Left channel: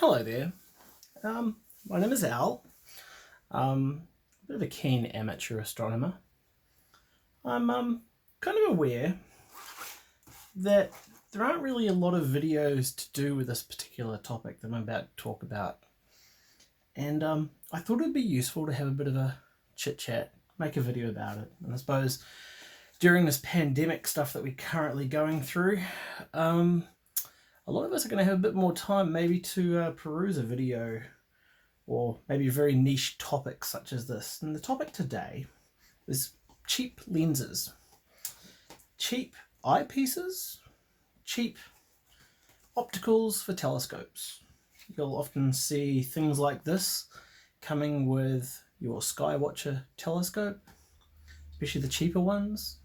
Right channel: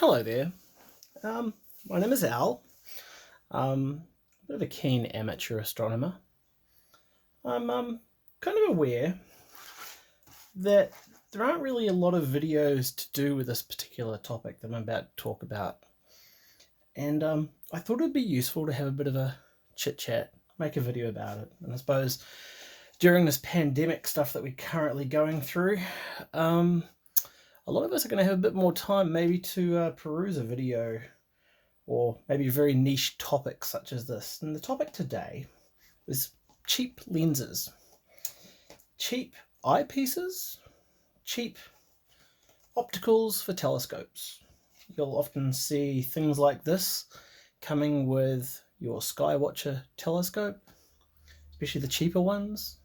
Hello there. My name is Al. A bit of a keen amateur astronomer. I'm kind of aware that there aren't really a lot of videos to do with this particular topic that I'm about to talk about. And I thought it'd be useful to have a bit of a chit-chat, make a video about it. And I suppose during this pandemic stuff that we're currently going through, a lot of us are going to have a bit more time maybe to peruse a video or maybe a very niche topic such as this. And the topic today is cheap lenses. Cheap eyepieces, cheap opticals for telescopes. You'll often see things like this coming with your Skywatcher telescope, especially the cheaper ones,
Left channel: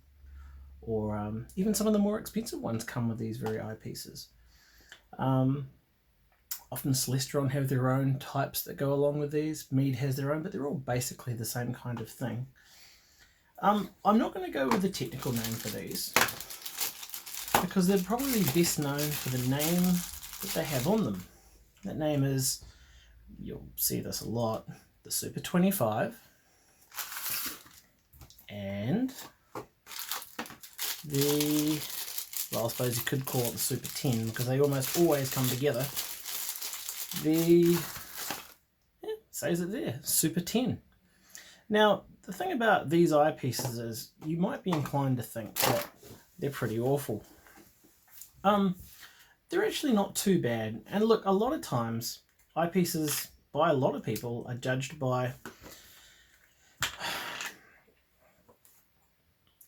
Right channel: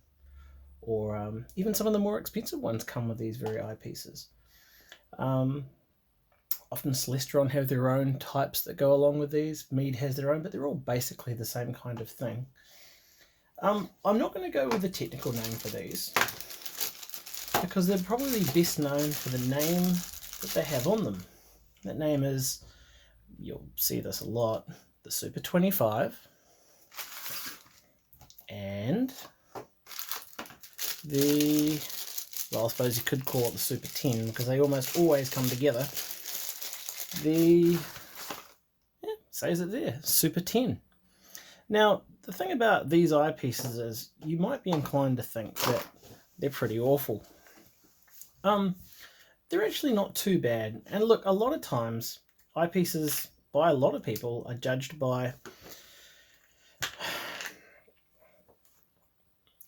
or even some of the more expensive ones come with these very eyepieces. Often Celestron have their own types that go along with these. Mead has their own, but they're all basically the same kind of thing. I'm not going to go with the technical name for these because they're probably best known for the name that they have on them. That name is, you'll see this a lot, the Super 25 and the, well, I suppose you could call it the Super 10 because they almost always come together. Says it there, Super 10. Now, the thing about these eyepieces is you might be inclined to think that they're pretty awful. They're actually not too bad. And look, a lot of times, eyepieces by a lot of people are judged by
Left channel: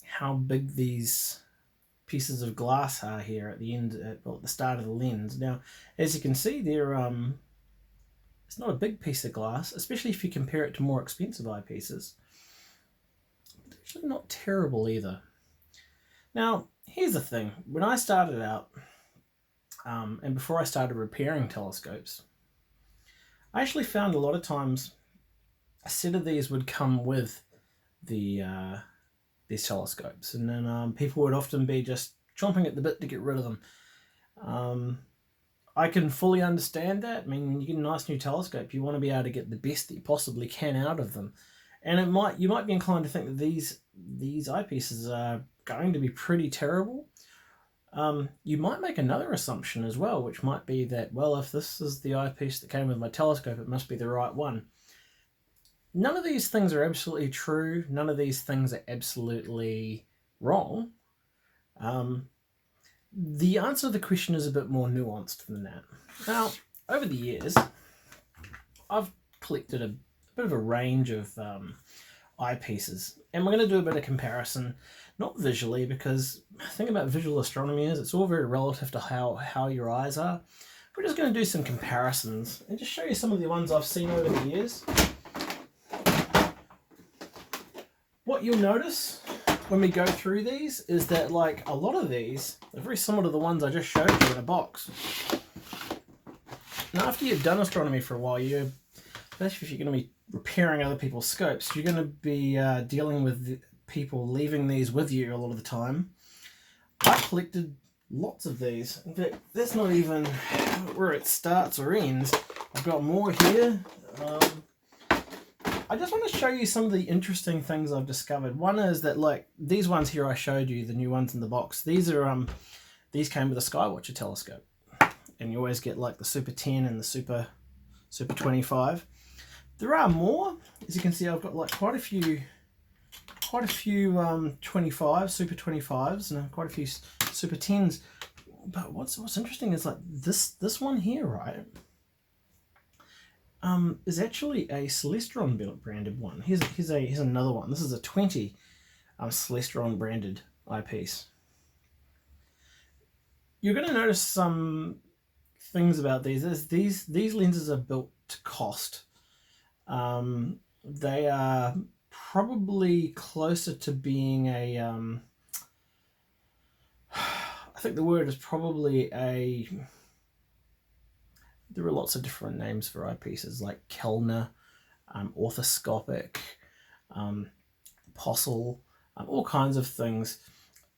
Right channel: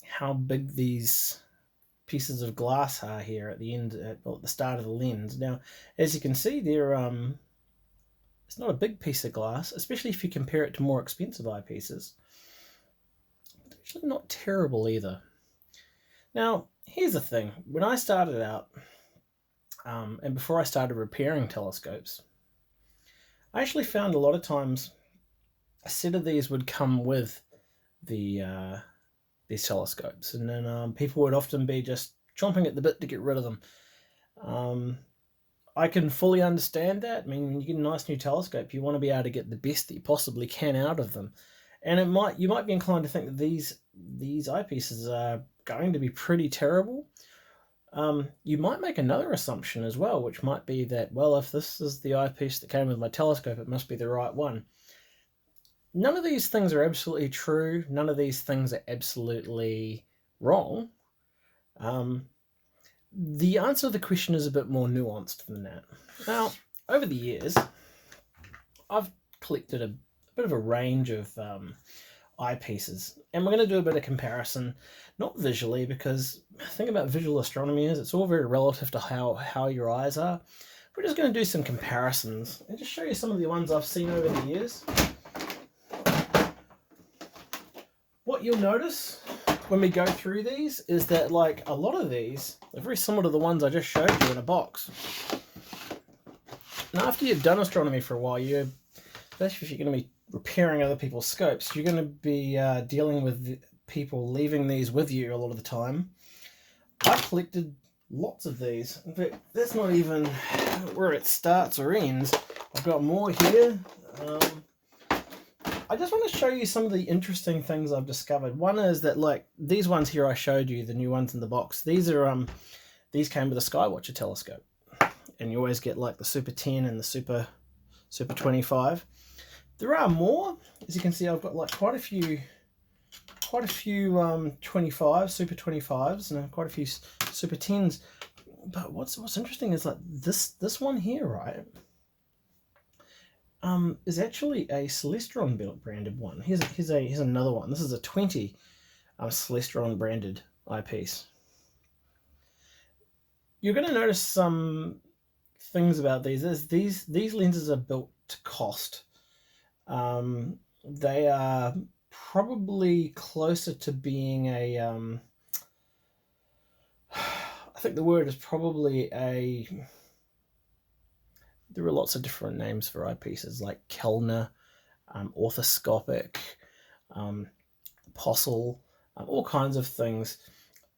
how big these pieces of glass are here at the end, at the start of the lens. Now, as you can see, they're it's not a big piece of glass, especially if you compare it to more expensive eyepieces. They're actually not terrible either. Now, here's the thing. When I started out, and before I started repairing telescopes, I actually found a lot of times a set of these would come with these telescopes, and then people would often be just chomping at the bit to get rid of them. I can fully understand that. I mean, when you get a nice new telescope, you want to be able to get the best that you possibly can out of them, and you might be inclined to think that these eyepieces are going to be pretty terrible. You might make another assumption as well, which might be that, well, if this is the eyepiece that came with my telescope, it must be the right one. None of these things are absolutely true. None of these things are absolutely wrong. The answer to the question is a bit more nuanced than that. Now, over the years, I've collected a bit of a range of eyepieces, and we're going to do a bit of comparison, not visually, because the thing about visual astronomy is it's all very relative to how your eyes are. We're just going to do some comparisons and just show you some of the ones I've seen over the years. What you'll notice when we go through these is that, like, a lot of these are very similar to the ones I just showed you in a box. And after you've done astronomy for a while, especially if you're going to be repairing other people's scopes, you're going to be dealing with people leaving these with you a lot of the time. I've collected lots of these. In fact, that's not even where it starts or ends. I've got more here. I just want to show you some of the interesting things I've discovered. One is that, like, these ones here I showed you, the new ones in the box, these came with a Skywatcher telescope. And you always get, like, the Super 10 and the Super 25. There are more. As you can see, I've got, like, quite a few 25s, Super 25s, and quite a few Super 10s. But what's interesting is, like, this one here, right? Is actually a Celestron branded one. Here's another one. This is a 20 Celestron branded eyepiece. You're going to notice some things about these. These lenses are built to cost. They are probably closer to being a I think the word is probably a, there are lots of different names for eyepieces, like Kellner, orthoscopic, Plossl, all kinds of things.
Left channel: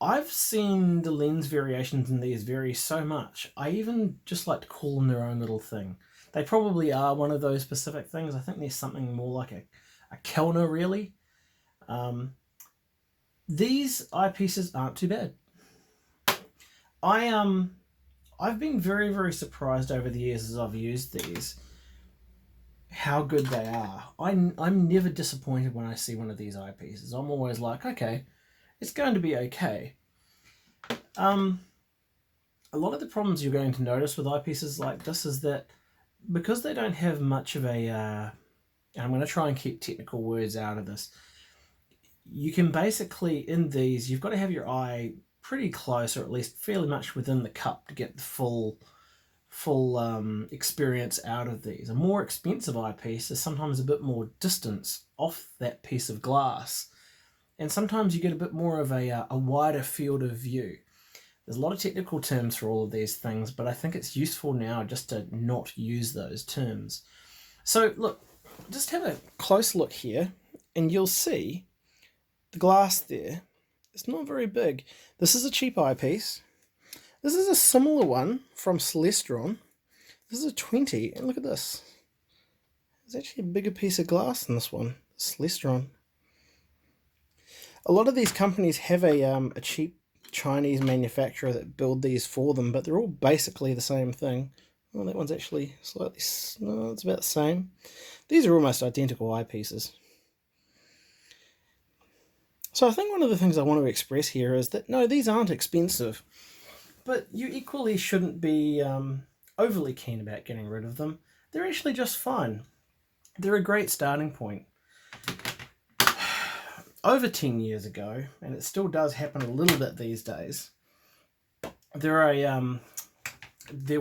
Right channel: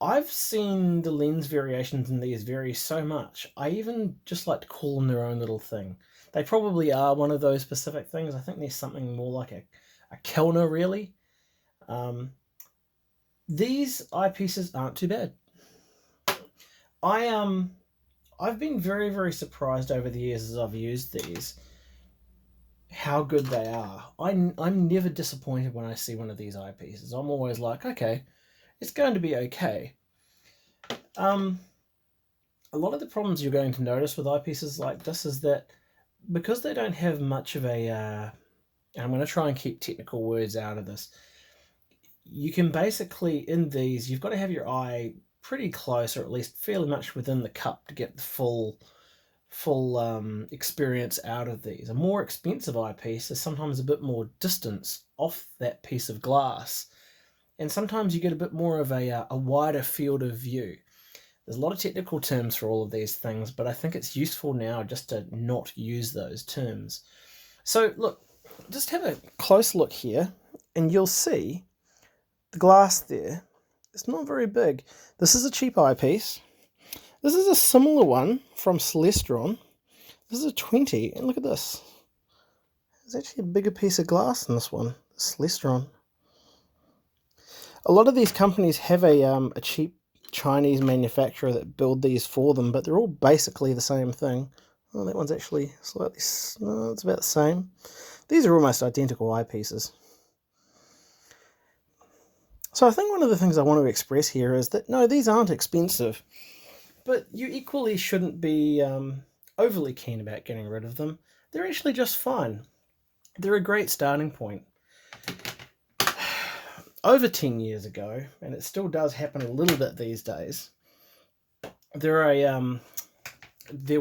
I've seen the lens variations in these vary so much. I even just like to call them their own little thing. They probably are one of those specific things. I think there's something more like a Kellner, really. These eyepieces aren't too bad. I've been very, very surprised over the years as I've used these, how good they are. I'm never disappointed when I see one of these eyepieces. I'm always like, okay, it's going to be okay. A lot of the problems you're going to notice with eyepieces like this is that because they don't have much of a, and I'm going to try and keep technical words out of this, you can basically, in these, you've got to have your eye pretty close, or at least fairly much within the cup, to get the full experience out of these. A more expensive eyepiece is sometimes a bit more distance off that piece of glass, and sometimes you get a bit more of a wider field of view. There's a lot of technical terms for all of these things, but I think it's useful now just to not use those terms. So look, just have a close look here, and you'll see the glass there. It's not very big. This is a cheap eyepiece. This is a similar one from Celestron. This is a 20, and look at this. There's actually a bigger piece of glass than this one, Celestron. A lot of these companies have a cheap Chinese manufacturer that build these for them, but they're all basically the same thing. Oh, that one's actually slightly, no, it's about the same. These are almost identical eyepieces. So I think one of the things I want to express here is that, no, these aren't expensive, but you equally shouldn't be overly keen about getting rid of them. They're actually just fine. They're a great starting point. Over 10 years ago, and it still does happen a little bit these days, there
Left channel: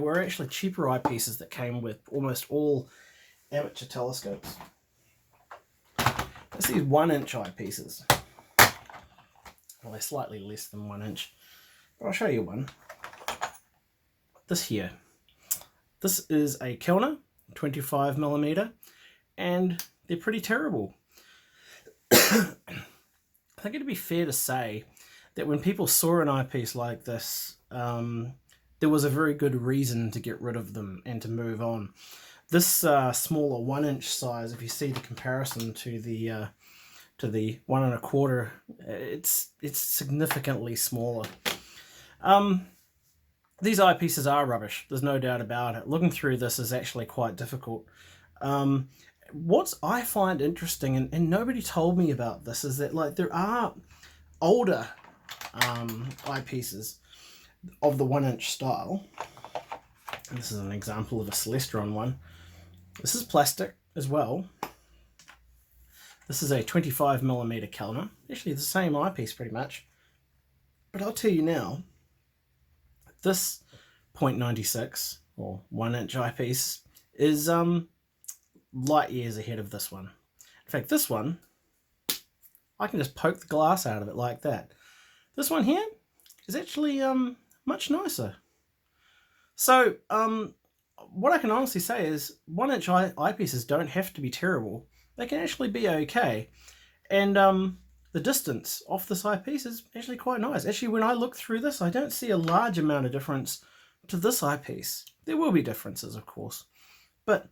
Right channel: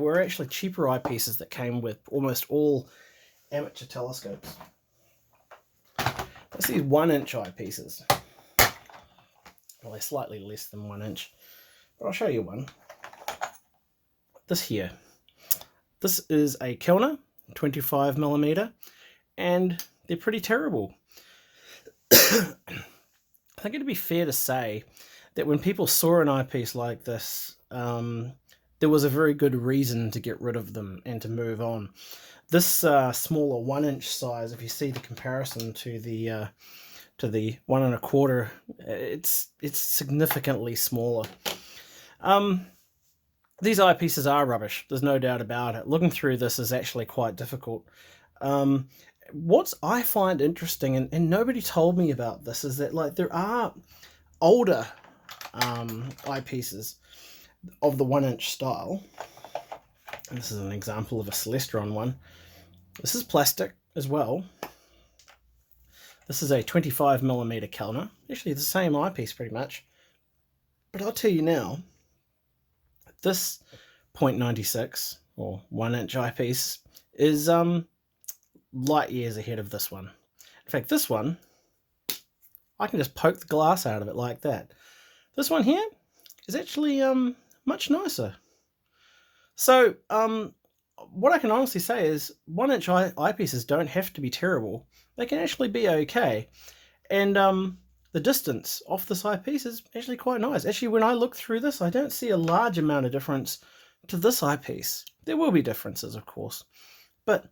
were actually cheaper eyepieces that came with almost all amateur telescopes. That's these 1-inch eyepieces. Well, they're slightly less than 1 inch, but I'll show you one. This here. This is a Kellner, 25mm, and they're pretty terrible. I think it'd be fair to say that when people saw an eyepiece like this, there was a very good reason to get rid of them and to move on. This smaller 1-inch size, if you see the comparison to the 1 1/4, it's significantly smaller. These eyepieces are rubbish. There's no doubt about it. Looking through this is actually quite difficult. What I find interesting, and nobody told me about this, is that like there are older eyepieces of the 1-inch style. And this is an example of a Celestron one. This is plastic as well. This is a 25mm Kellner. Actually the same eyepiece pretty much. But I'll tell you now, this 0.96 or 1-inch eyepiece is light years ahead of this one. In fact, this one, I can just poke the glass out of it like that. This one here is actually much nicer. So what I can honestly say is 1-inch eyepieces don't have to be terrible. They can actually be okay. And the distance off this eyepiece is actually quite nice. Actually, when I look through this, I don't see a large amount of difference to this eyepiece. There will be differences, of course. But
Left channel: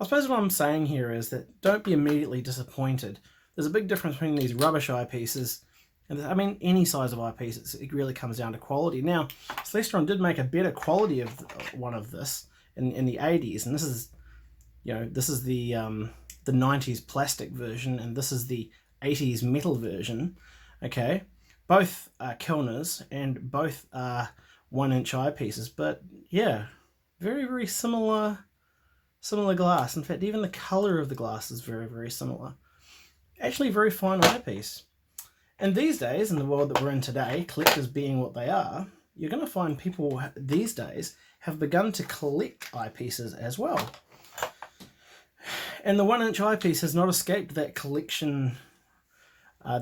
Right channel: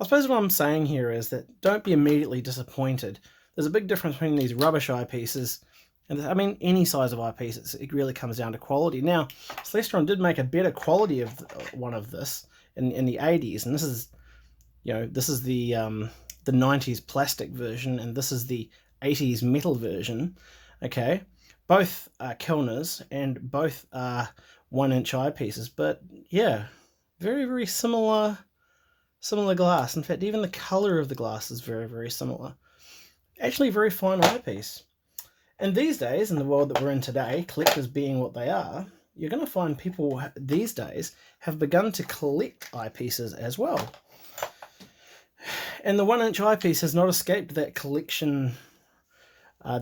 I suppose what I'm saying here is that don't be immediately disappointed. There's a big difference between these rubbish eyepieces and, I mean, any size of eyepiece. It really comes down to quality. Now, Celestron did make a better quality of one of this in the 80s, and this is, you know, this is the 90s plastic version, and this is the 80s metal version. Okay, both are Kellners and both are 1-inch eyepieces, but yeah, very, very similar glass. In fact, even the color of the glass is very, very similar. Actually, very fine eyepiece. And these days, in the world that we're in today, collectors being what they are, you're going to find people these days have begun to collect eyepieces as well. And the 1-inch eyepiece has not escaped that collection, I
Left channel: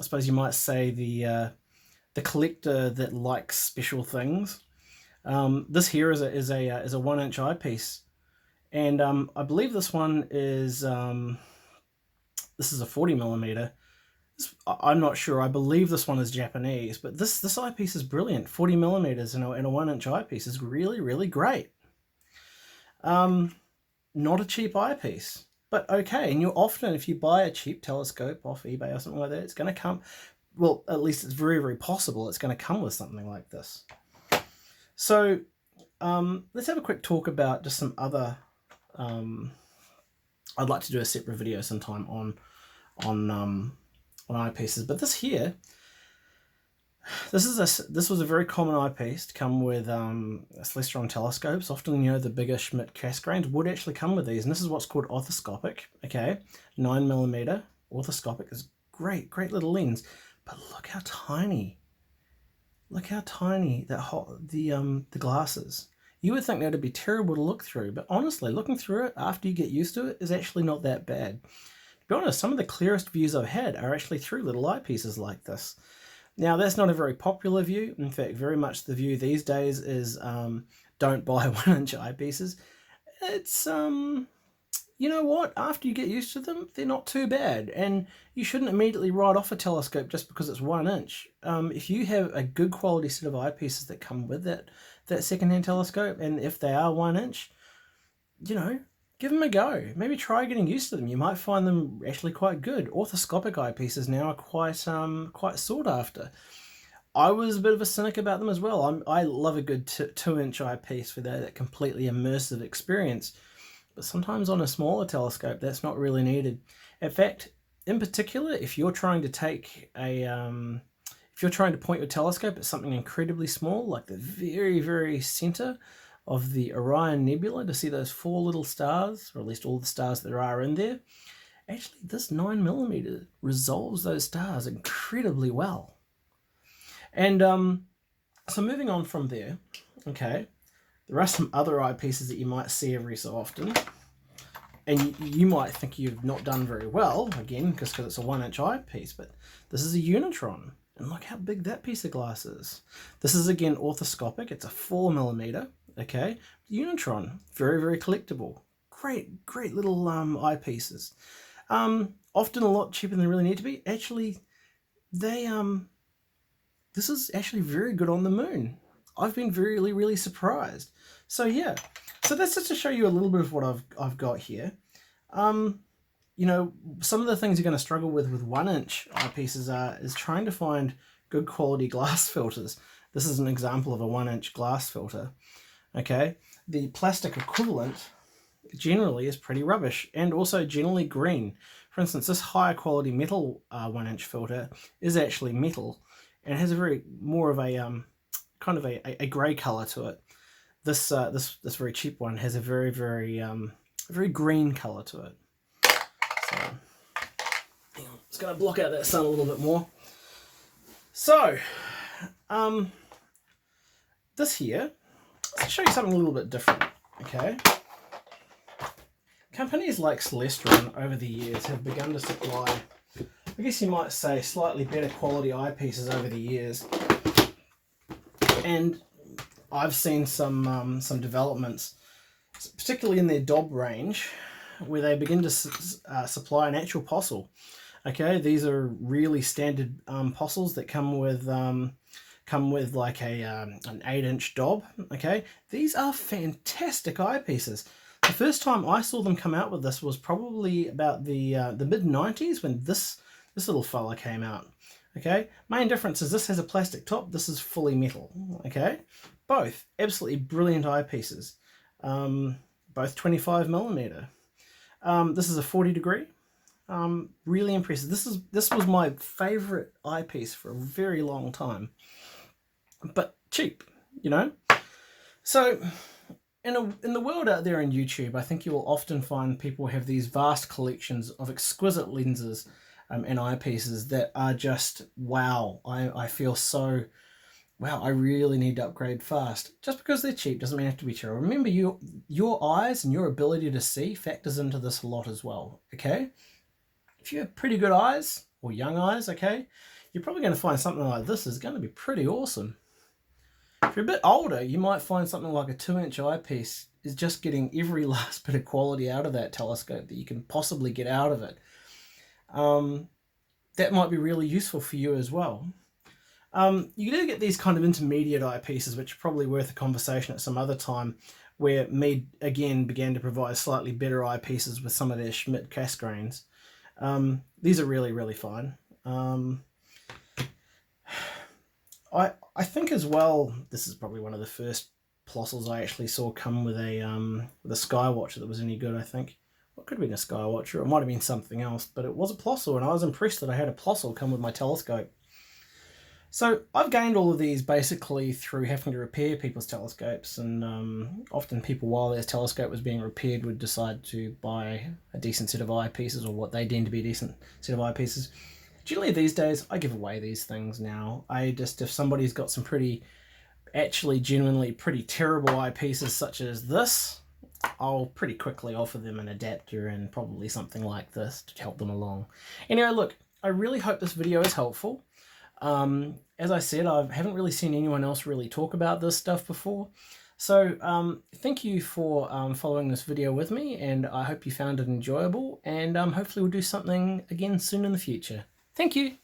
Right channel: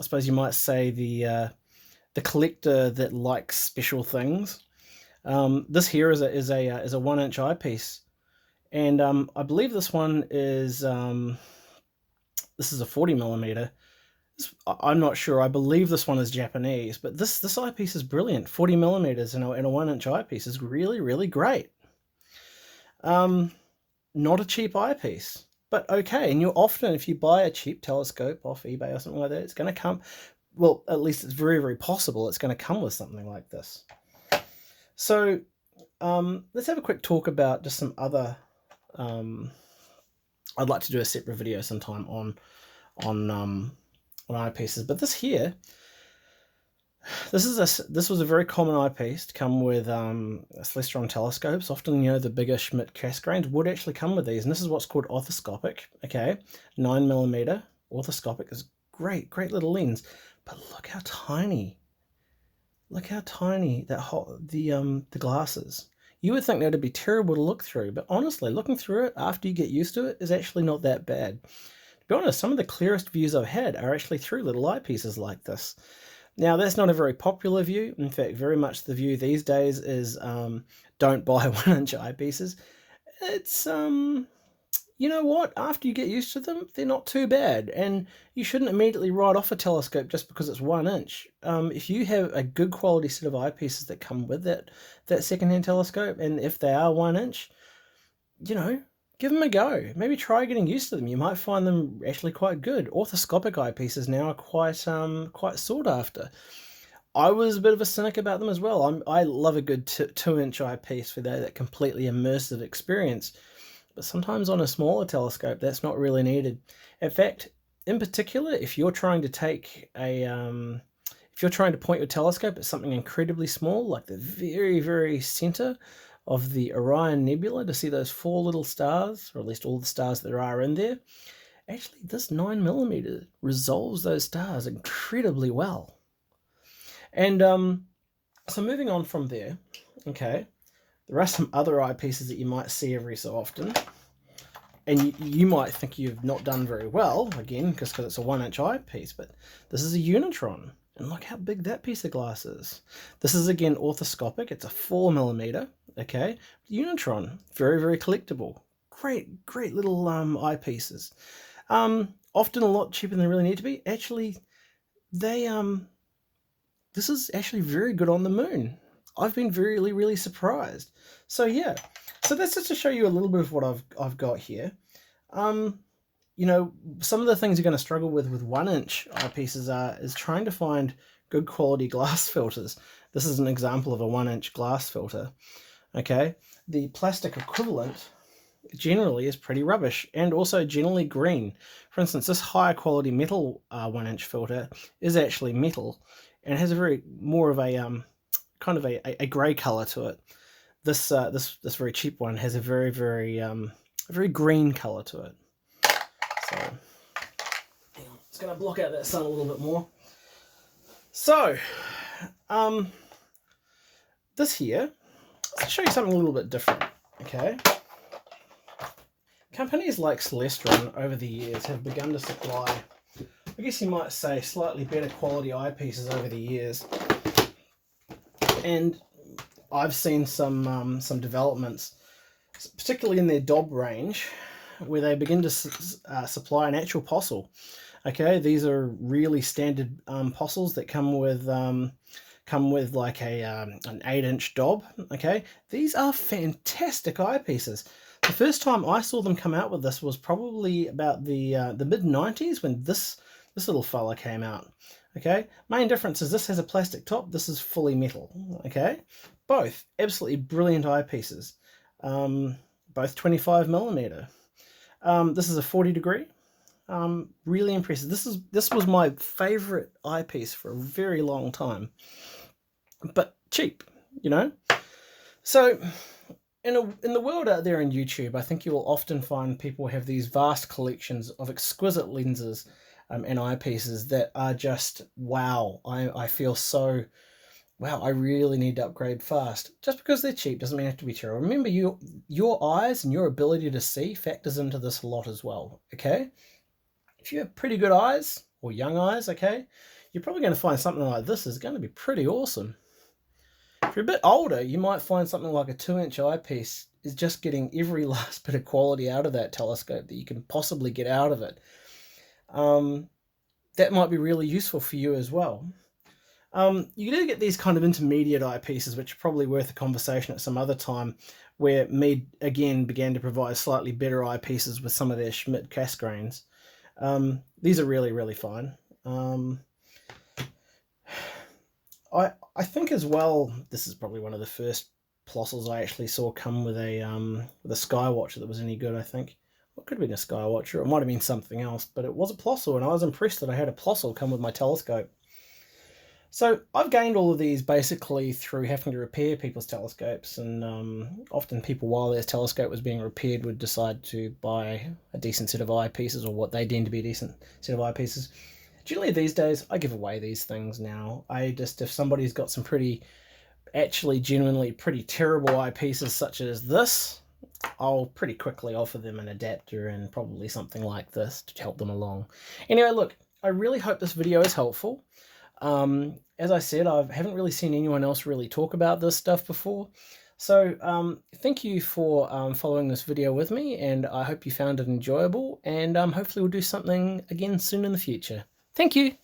suppose you might say the collector that likes special things. This here is a 1-inch eyepiece, and I believe this one is this is a 40mm. I'm not sure. I believe this one is Japanese, but this eyepiece is brilliant. 40 millimeters in a 1-inch eyepiece is really, really great. Not a cheap eyepiece, but okay. And you often, if you buy a cheap telescope off eBay or something like that, it's going to come, well, at least it's very, very possible it's going to come with something like this. So let's have a quick talk about just some other, I'd like to do a separate video sometime on eyepieces, but this here, this was a very common eyepiece to come with Celestron telescopes. Often, you know, the bigger Schmidt Cassegrains would actually come with these, and this is what's called orthoscopic. Okay, 9mm orthoscopic is great little lens, but look how tiny. Look how tiny the glass is. You would think that would be terrible to look through, but honestly, looking through it after you get used to it is actually not that bad. To be honest, some of the clearest views I've had are actually through little eyepieces like this. Now, that's not a very popular view. In fact, very much the view these days is don't buy 1-inch eyepieces. It's, you know what? After you get used to them, they're not too bad. And you shouldn't immediately write off a telescope just because it's 1-inch. If you have a good quality set of eyepieces that come with that secondhand telescope, and if they are 1-inch, you know, give them a go. Maybe try getting used to them. You might find them actually quite good. Orthoscopic eyepieces now are quite sought after. I was a bit of a cynic about them as well. I love a good 2-inch eyepiece for that completely immersive experience. But sometimes on a smaller telescope, that's not really needed. In fact, in particular, if you're trying to take if you're trying to point your telescope at something incredibly small, like the very, very center of the Orion Nebula, to see those 4 little stars, or at least all the stars there are in there, actually this 9mm resolves those stars incredibly well. And so moving on from there, okay, there are some other eyepieces that you might see every so often, and you might think you've not done very well, again, because it's a 1-inch eyepiece, but this is a Unitron. And look how big that piece of glass is. This is, again, orthoscopic. It's a 4mm, okay? Unitron, very, very collectible. Great little eyepieces. Often a lot cheaper than they really need to be. Actually, this is actually very good on the moon. I've been really, really surprised. So yeah, so that's just to show you a little bit of what I've got here. You know, some of the things you're going to struggle with 1-inch eyepieces is trying to find good quality glass filters. This is an example of a 1-inch glass filter. Okay, the plastic equivalent generally is pretty rubbish and also generally green. For instance, this higher quality metal 1-inch filter is actually metal and has a very more of a kind of a grey color to it. This very cheap one has a very green color to it. So, hang on, it's going to block out that sun a little bit more. So, this here, let's show you something a little bit different, okay? Companies like Celestron over the years have begun to supply, I guess you might say, slightly better quality eyepieces over the years. And I've seen some developments, particularly in their Dobs range, where they begin to supply an actual Plossl. Okay, these are really standard Plossls that come with like an 8-inch Dob. Okay, these are fantastic eyepieces. The first time I saw them come out with this was probably about the mid-90s when this little fella came out. Okay, main difference is this has a plastic top, this is fully metal. Okay, both absolutely brilliant eyepieces, both 25mm. This is a 40 degree. Really impressive. This was my favorite eyepiece for a very long time, but cheap, you know. So in the world out there on YouTube, I think you will often find people have these vast collections of exquisite lenses and eyepieces that are just wow. I feel so wow. I really need to upgrade fast. Just because they're cheap doesn't mean they have to be true. Remember, your eyes and your ability to see factors into this a lot as well. Okay, if you have pretty good eyes or young eyes, okay, you're probably going to find something like this is going to be pretty awesome. If you're a bit older, you might find something like a 2-inch eyepiece is just getting every last bit of quality out of that telescope that you can possibly get out of it. that might be really useful for you as well. You do get these kind of intermediate eyepieces, which are probably worth a conversation at some other time, where Mead again began to provide slightly better eyepieces with some of their Schmidt Cassegrains. These are really, really fine. I think as well, this is probably one of the first Plossls I actually saw come with a Skywatcher that was any good, I think. What could have been a Skywatcher? It might have been something else, but it was a Plossl, and I was impressed that I had a Plossl come with my telescope. So I've gained all of these basically through having to repair people's telescopes, and often people, while their telescope was being repaired, would decide to buy a decent set of eyepieces, or what they deem to be a decent set of eyepieces. Generally these days, I give away these things now. If somebody's got some genuinely pretty terrible eyepieces such as this, I'll pretty quickly offer them an adapter and probably something like this to help them along. Anyway, look, I really hope this video is helpful. As I said, I haven't really seen anyone else really talk about this stuff before. So thank you for following this video with me, and I hope you found it enjoyable, and hopefully we'll do something again soon in the future. Thank you.